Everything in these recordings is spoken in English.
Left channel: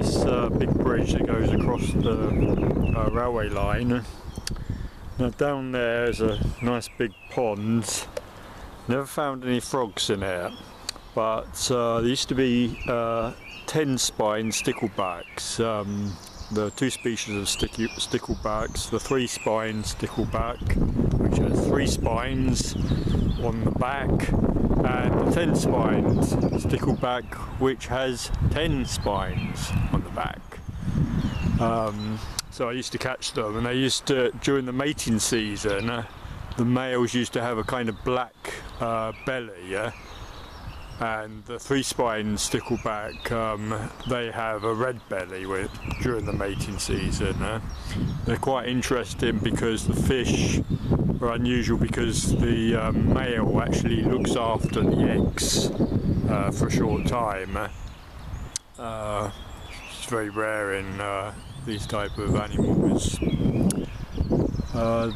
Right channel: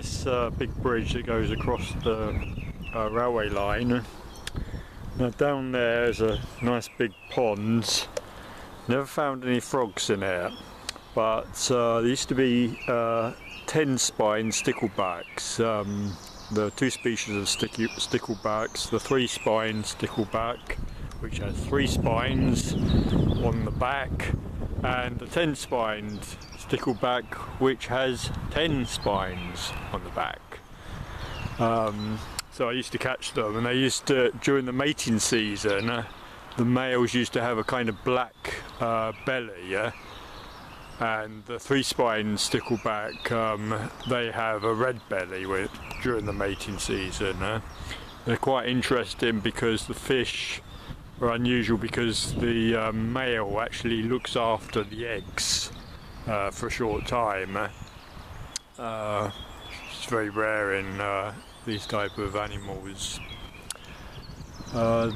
this big bridge that goes across the railway line. Now down there is a nice big pond. Never found any frogs in it, but there used to be 10-spine sticklebacks. The two species of sticklebacks, the 3-spine stickleback, which has 3 spines on the back, and the 10-spined stickleback, which has 10 spines on the back. So I used to catch them, and they used to, during the mating season, the males used to have a kind of black belly, and the 3-spine stickleback, they have a red belly during the mating season. They're quite interesting because the fish are unusual because the male actually looks after the eggs for a short time. It's very rare in these type of animals. I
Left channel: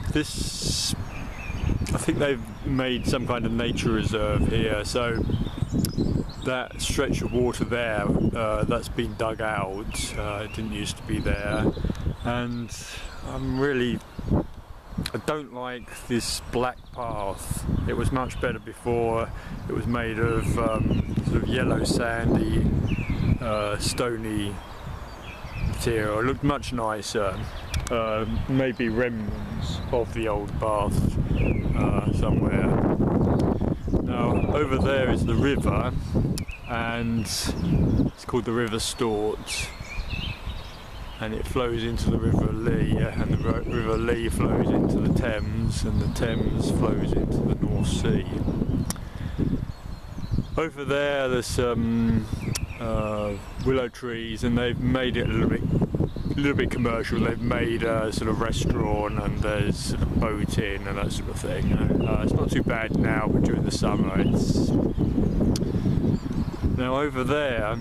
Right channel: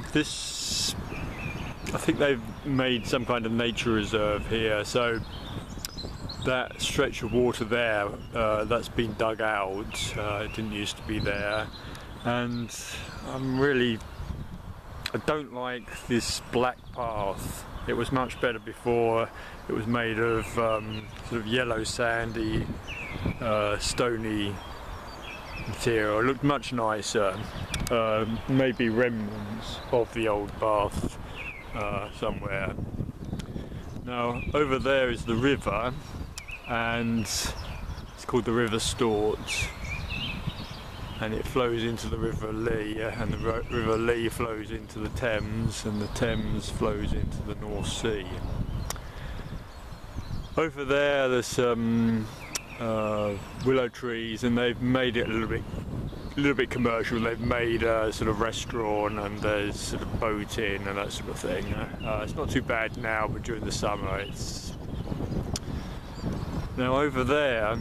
think they've made some kind of nature reserve here, so that stretch of water there, that's been dug out. It didn't used to be there, and I don't like this black path. It was much better before. It was made of sort of yellow sandy stony material. It looked much nicer. Maybe remnants of the old path somewhere. Now over there is the river, and it's called the River Stort, and it flows into the River Lee, and the River Lee flows into the Thames, and the Thames flows into the North Sea. Over there there's some willow trees, and they've made it a little bit commercial. They've made a sort of restaurant, and there's sort of boating and that sort of thing. It's not too bad now, but during the summer it's... Now over there,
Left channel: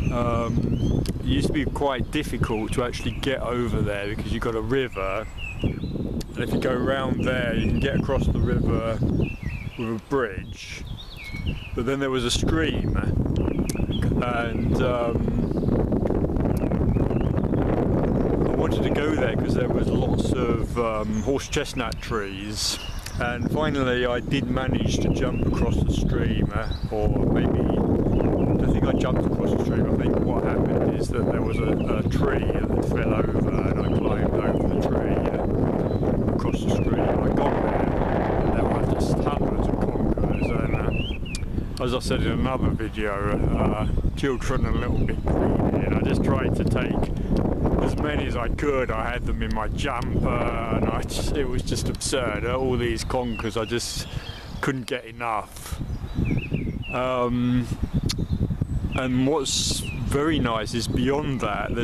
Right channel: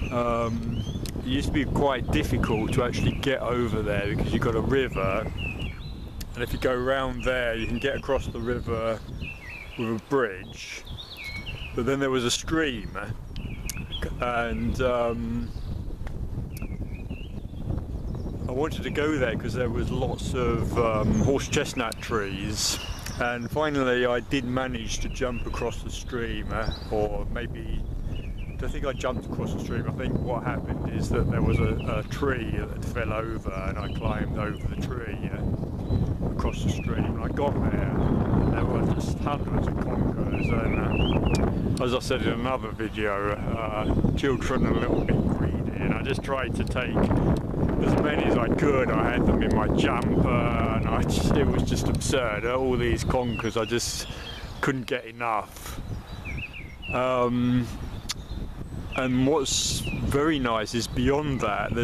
it used to be quite difficult to actually get over there because you've got a river, and if you go around there you can get across the river with a bridge, but then there was a stream, and I wanted to go there because there was lots of horse chestnut trees, and finally I did manage to jump across the stream, or maybe, I don't think I jumped across the stream. I think what happened is that there was a tree that fell over, and I climbed over the tree across the stream. I got there, and there were just hundreds of conkers, and as I said in another video, children are a little bit greedy, and I just tried to take as many as I could. I had them in my jumper, and it was just absurd. All these conkers, I just couldn't get enough. And what's very nice is beyond that,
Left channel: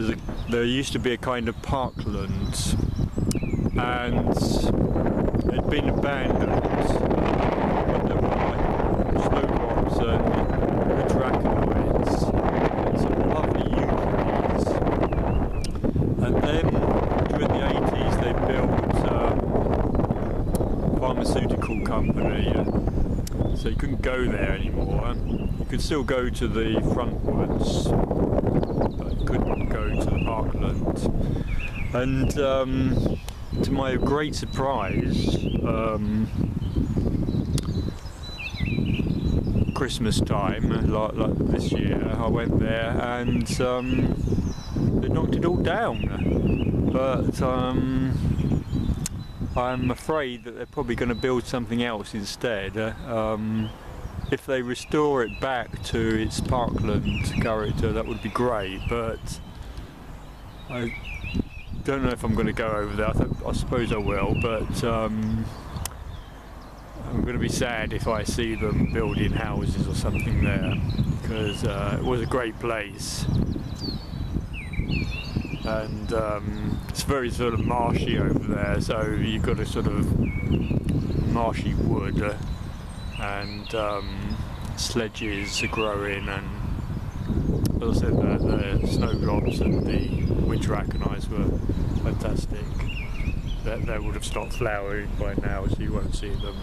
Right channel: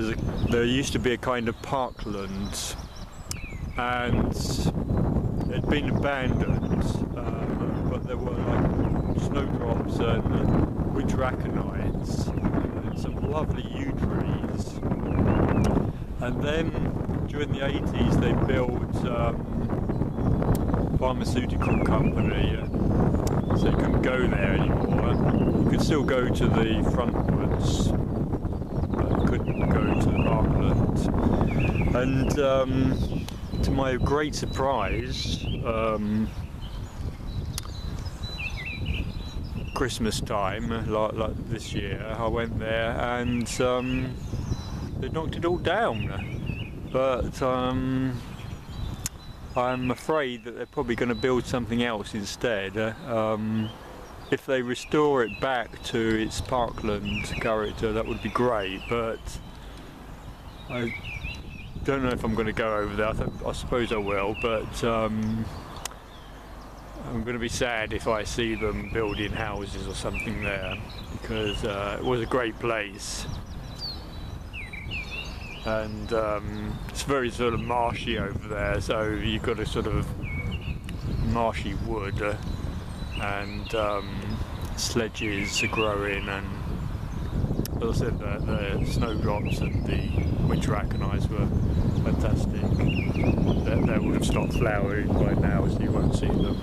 there used to be a kind of parkland, and it'd been abandoned, but there were like snowdrops and winter aconites and some lovely yew trees. And then during the 80s they built a pharmaceutical company, so you couldn't go there anymore. You could still go to the front woods, but you couldn't go to the parkland. And to my great surprise, Christmas time, like this year, I went there, and they knocked it all down. But I'm afraid that they're probably going to build something else instead. If they restore it back to its parkland character, that would be great, but I don't know if I'm going to go over there. I suppose I will, but I'm going to be sad if I see them building houses or something there, because it was a great place, and it's very sort of marshy over there, so you've got a sort of marshy wood, and sledges are growing, and as I said, the snowdrops and the winter aconites were fantastic. They would have stopped flowering by now, so you won't see them.